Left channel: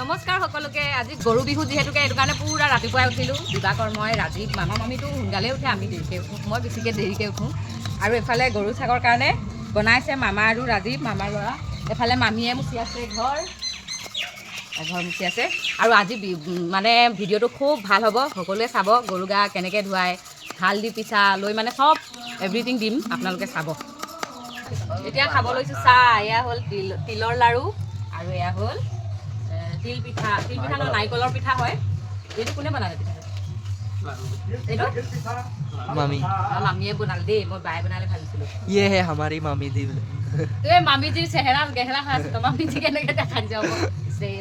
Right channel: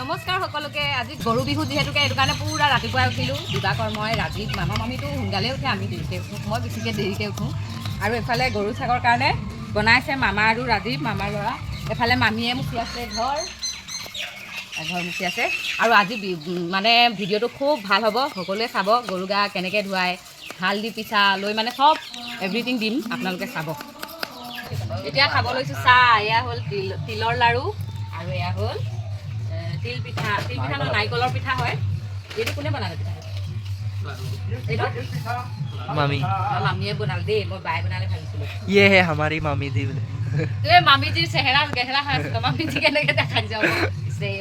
নমস্কাৰ সকলোকে। আজি গৰু বিহু যিহেতুকে এইটো কাৰণে পুৰা ৰাতিপুৱাই উঠিলোঁ। দিবাকৰ মই ৰাজীৱ মামা মামীটো সোনকালে উঠে, আমি দেৰিকৈ উঠোঁ। মই বেছিকৈ দেৰিকৈ উঠোঁ। আৰু এফালে গৰু ছাগৰ কাৰণে বনাইছে মামা আৰু ৰাজীৱ, মামাৰ ল'ৰা। এফালে মামীয়ে মুচি আছে ঘৰ মুচি আছে। আৰু আজি মানে ভিডিঅ'টো খুব ভাল হ'ব, সকলোৱে চাব। গৰু গা কেনেকৈ ধুৱাই, হালধি পিঠা লৈ মানে চব এভৰিথিং দিম, আপোনালোকে চাব। এতিয়া খাব লৈছোঁ চাহ। এয়া হ'ল তিলৰ লাড়ু আৰু এয়া হ'ল তিল পিঠা নহয়, নাৰিকলৰ পিঠা হয়। এইটো কোনে বনালে পিঠাটো? এইটো মামীয়ে বনালে দেই, মই বায়ে বনালে ভাবিছিলোঁ। ये है हमारी मामी जी बोले। এই মামীজিৰ চেহেৰা গেহেৰা হৈ আছে, মামীজি কেনেকৈ দেখাই যাব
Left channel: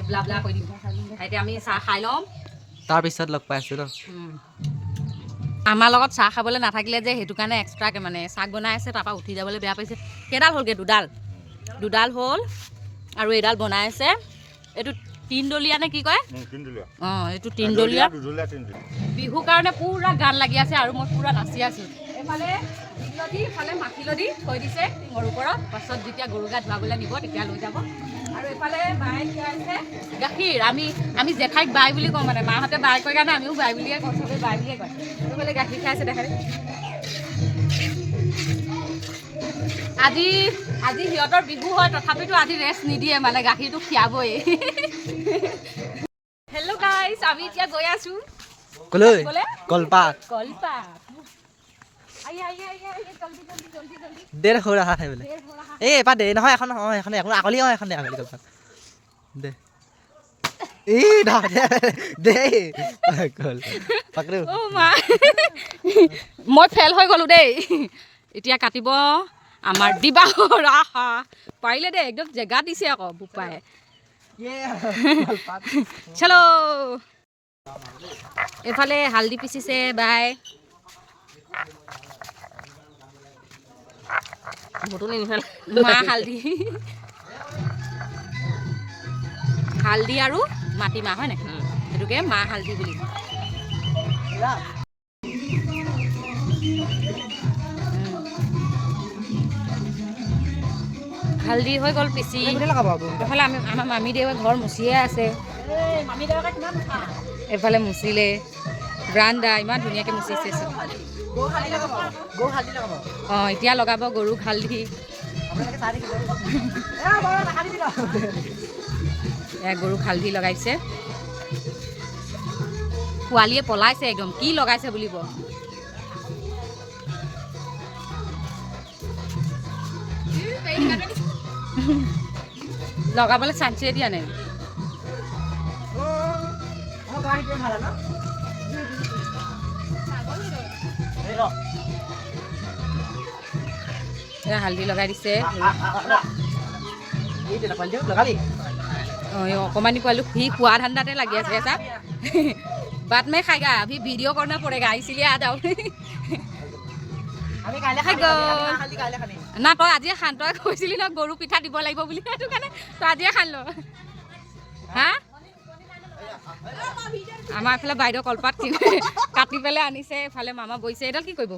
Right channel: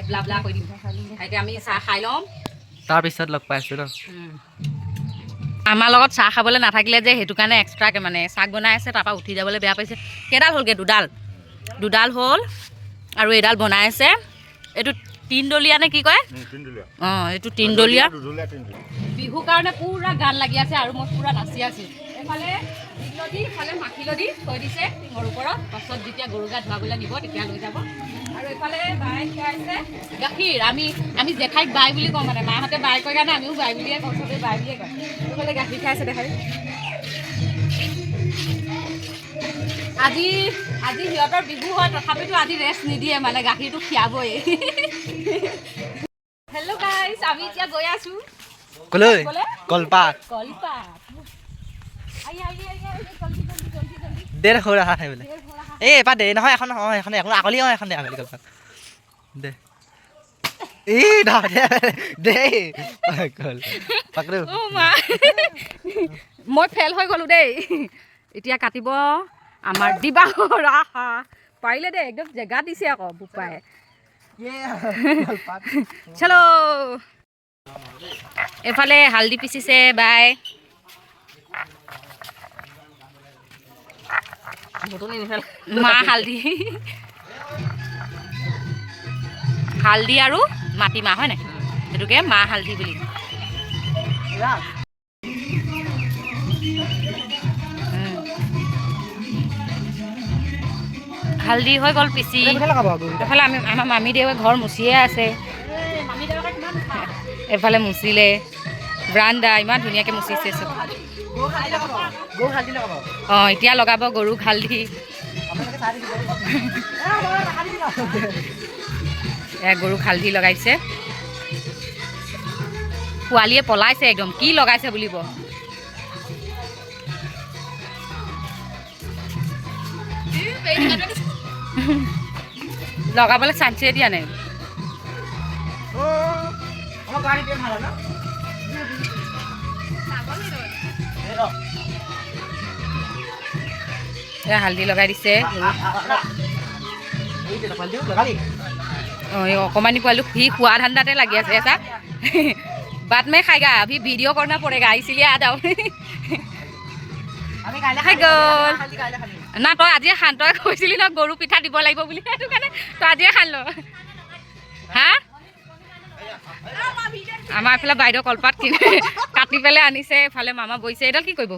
ব্লা ব্লা কৰি দিম। এতিয়া আমি চাহ খাই ল'ম, তাৰপিছত লগ পাই আছোঁ ন। আমাৰ লগত চাহ খাবলৈ নাথাকিলে যে, সেইটো কাৰণে এক্সট্ৰাকৈ মানে চাহ বনাই আছে। তাৰপৰা উঠি যাবলৈ বেয়া পাইছে। কেইডাল হ'লগৈ? দুডাল হ'ল আৰু এডাল বনাই আছে। এইটো তিনডলীয়া নে কি কয়? অঁ, এইটো তিনডলীয়া। বিহুৰ কাৰণে পুৰা গান লাগি আছে আৰু মই পুৰা নাচি আছোঁ। এফালে দিলদি, এফালে মাখিলদি থৈ দিছে টিঙৰ ওপৰত। পাছত যেতিয়া গৰু গা ধুৱাবলৈ নিব তেতিয়া লৈ যাব। আৰু এফালে বাই খীৰাইছে গাখীৰ। আমি জেঠাইক বাই বুলি কওঁ, মানে মাহঁতে বাই কয় কাৰণে আমিও বাই বুলিয়ে কওঁ, চবেই বাই বুলিয়ে কয়। এইফালে গাখীৰ খাইছে দেখাই। আজি সিহঁতৰ বিহু হয়, তথাপিতো আজি ৰেষ্ট নিদিয়ে, মানে গাখীৰটো খীৰাবই। হেল্ল' গাইছ, আমি এতিয়া গৈ আছোঁ কলৈ? কলপাত। দেৰ হৈ ৰহা है বোলে। এই এপাৰ দেৰি নহয়, এখন অঁ এখন আকলি অঁ এখন দে আকলি কলপাত দে। এই দে পাকৰো। মই ফেল হৈ গ'লোঁ দেই। এতিয়া কাটিব আমাৰ দিবাকৰ আহা। পাৰিলে দেই, একদম জেগা দিছে আকৌ বোপাই। চলো। এফালে হালধি পিচিছে বাই। মা হালধি আৰু মাটিমাহ হয় নাই, সেইটোকে মাহ হালধি বুলি। হালধি হৈ গ'ল পিচি। এফালে আমাৰ মামী দেউৱে ঘৰ মুচিয়ে আছে। এফালে মুচিলে ব্ৰাণ্ডা, ইমান ধুনীয়াকৈ মুচিছে চব। অঁ, এতিয়া লগাব গৰুক হালধি। এয়া গৰুক হালধি লগাইছে। পোৱালীয়ে পলাইছে একদম, কি লগাইছে বুলিব। লগাবলৈ চান্সে দিয়া নাই। হালধি লগাই দিছে। অঁ, এই অকণমানি পোৱালি সি খোৱা ধান্দাতে লাগি আছে। চা বাট মে খাইগা, अभी वीडियो करना पड़ेगा इसीलिए आ जाओ। খাই গ'ল না, তই আজিয়ে খান। তই কৈছিলি ন গৰু পিঠা দিব লাগিব বুলি, সেইটো কাৰণে তই আজিয়ে খান ল। হা, আমাৰ এইফালে বাইদেউ কলপাত কাটি পেলাই আনিছে। এইফালে মামা বহিছে। এইডাল কি কৰিব?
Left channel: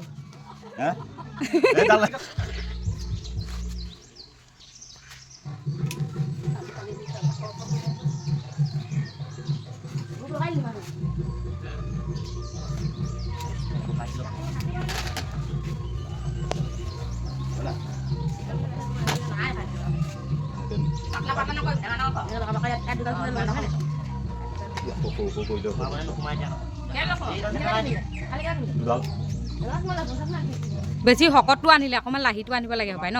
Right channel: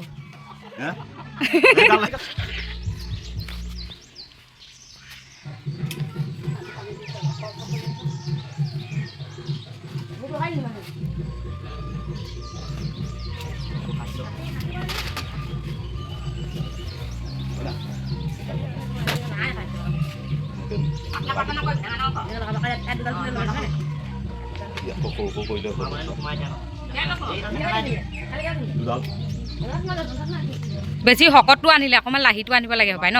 বেছি শকতটো আনিলে অকণমান লাহিটো আনিব লাগে হপায় ন।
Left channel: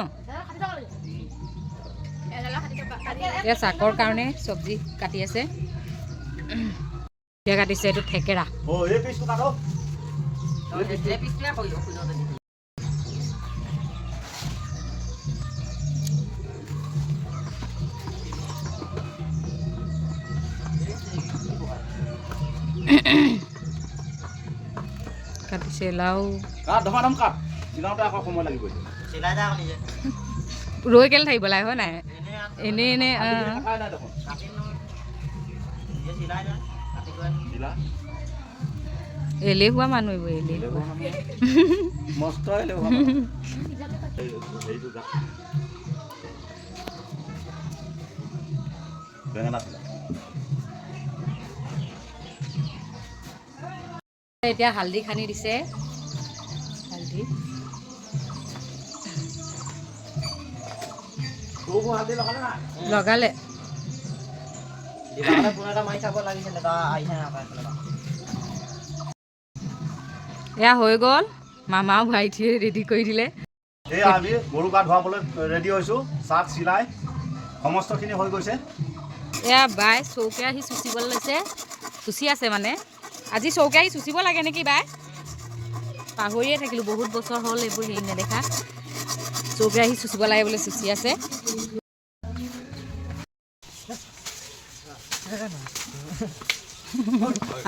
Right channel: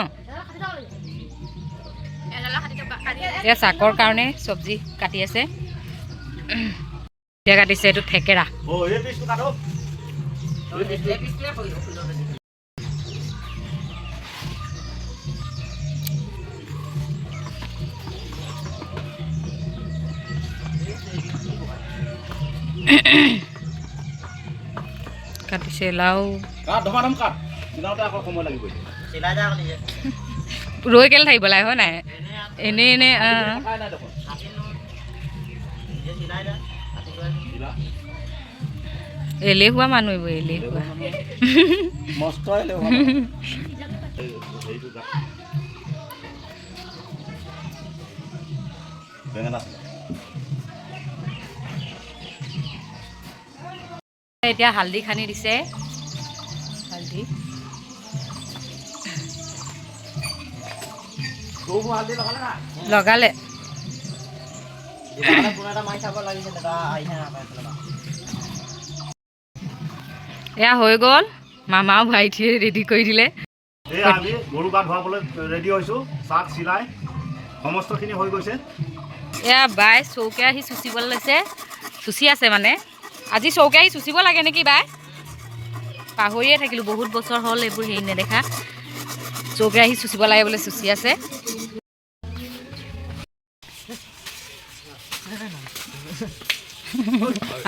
এয়া চাকৰ কাৰণে চব্জি কাটি আছে। এতিয়া কাটিছে এইটো থেকেৰা। কাটিছে লাও। ৰৈ কেলে থাকিব লাগে হয় নাই? এনে এলেহুৱা মানুহ এইবোৰ, এলেহুৱা। এতিয়া হালধি খানি দিছে হালধি লগালে এয়া হৈ গ'ল মামাও ভাইটিয়ে ৰেডি কৰি দিলে এই আমি গৰু গা ধুৱাবলৈ ৰেডি হৈছোঁ চাট চিলাই সমস্তখিনি হৈ গৈছে এয়া বাই চৌকে আহি চুচিবলৈ লৈছে চুচি আছে মানে আজি চৌকে আহি চুচিব লাগে নেকি বাই পাহৰিয়ে থাকিলোঁ বহুত বছৰ হ'ল এইবোৰ হেৰি নেদেখা চৌকে আহি চুচিব লাগে বোলে চুচি আছে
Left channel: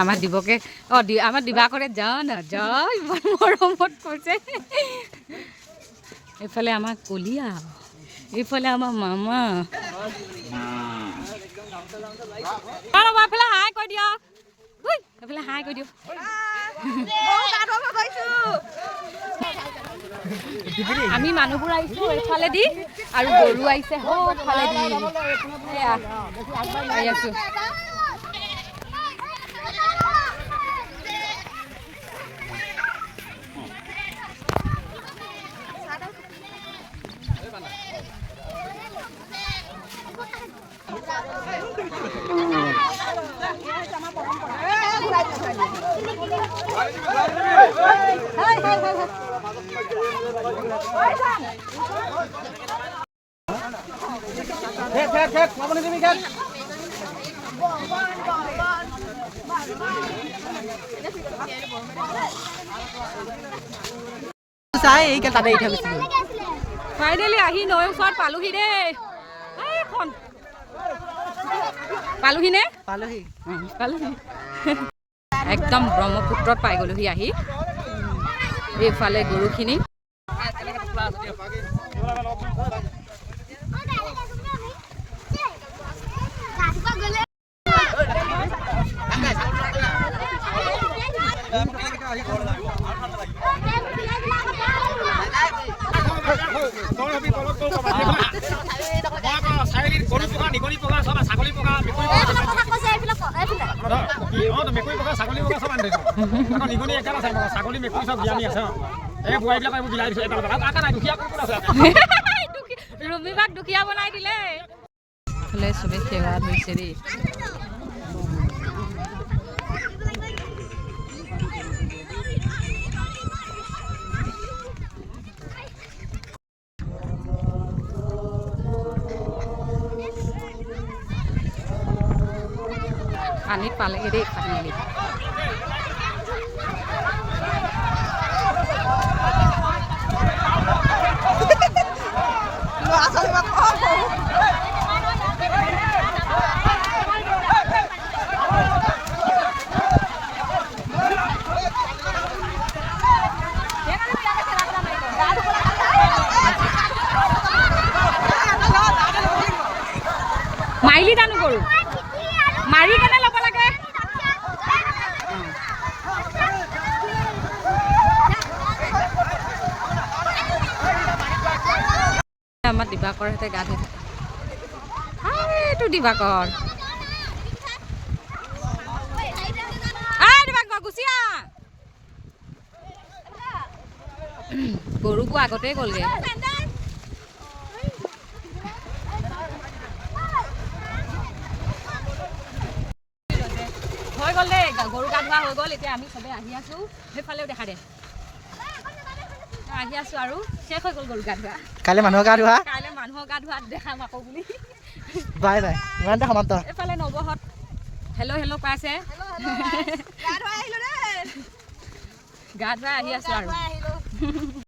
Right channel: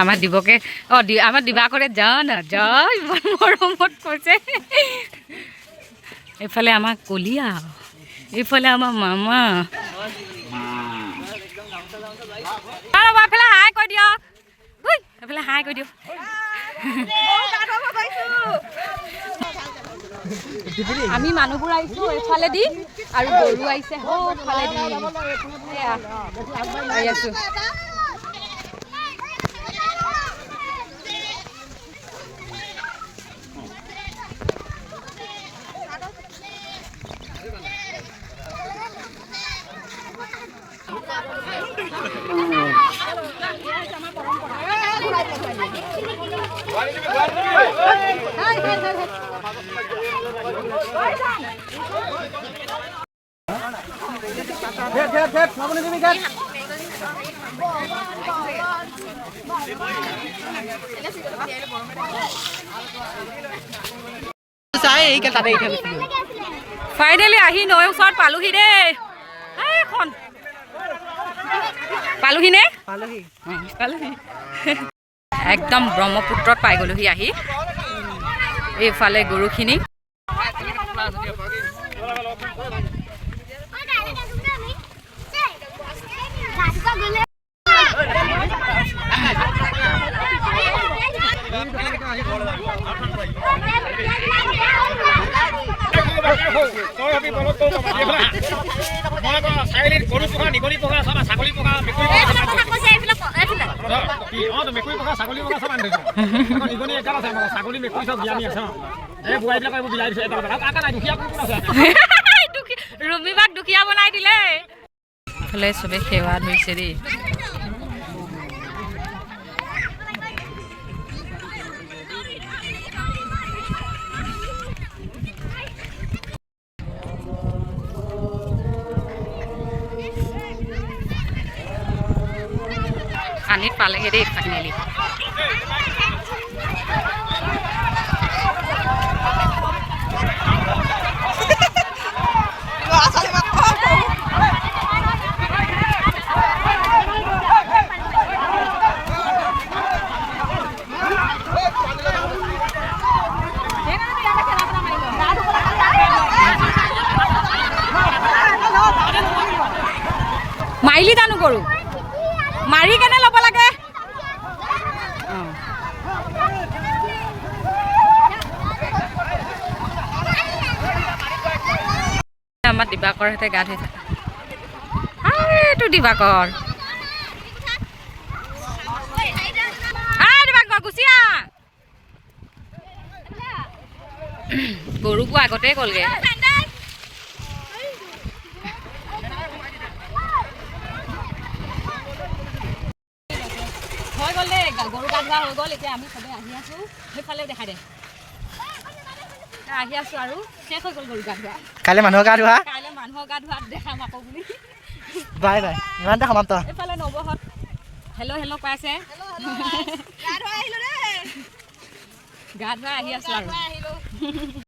আমাৰ দিবকে আমাৰ দিবাকৰে যা না যা ইমান মৰমত কৈছে এইফালে আমাৰ কলিয়া এইফালে আমাৰ মামা এইফালে হাই কৈ দিয়ক এইফালে হাই কৈ দিয়ক আমি মানুহবোৰ আহিছোঁ এইফালেদি আৰু গৰু আহিছে সেইফালেদি আহি আছোঁ ফাইনেলি আহি নৈ ওচৰত পালোহি দেই এখন পালোহি নে পালোহি একদম ব্ৰহ্মপুত্ৰত পাই গলোহি আহি এইফালে গৰুখিনি ৰবিবাক দুখীয়া বনাই দিলে ফালে চবে সেৱা ধৰিছে দেই পানীত পালেগে দেই ফাইনেলি মাৰিলি জানো গৰু মাৰি কেনে ল'ব লাগে আমাৰ দিবাকৰ হেঁতে গা ধুই থাকে এইটো দিবাকৰ দিবাকৰ গুচি আহ গৰুবোৰ আগতে গ'লগে হৈ গ'ল দেই গৰু গা ধোৱা হৈ গ'ল এতিয়া আমি চবে আহি আছোঁ সেইফালেও দেখা দে আহি আছোঁ আৰু শেষ হৈ গ'ল গৰু গা ধোৱা কাইলৈ মানুহৰ গা ধোৱা দেখাম আকৌ বুলি বাই বাই ইমানতে সমাপ্ত এইফালে নৱহঁত হেল্ল' পাইছে গা ধুৱাই আহি আছোঁ আৰু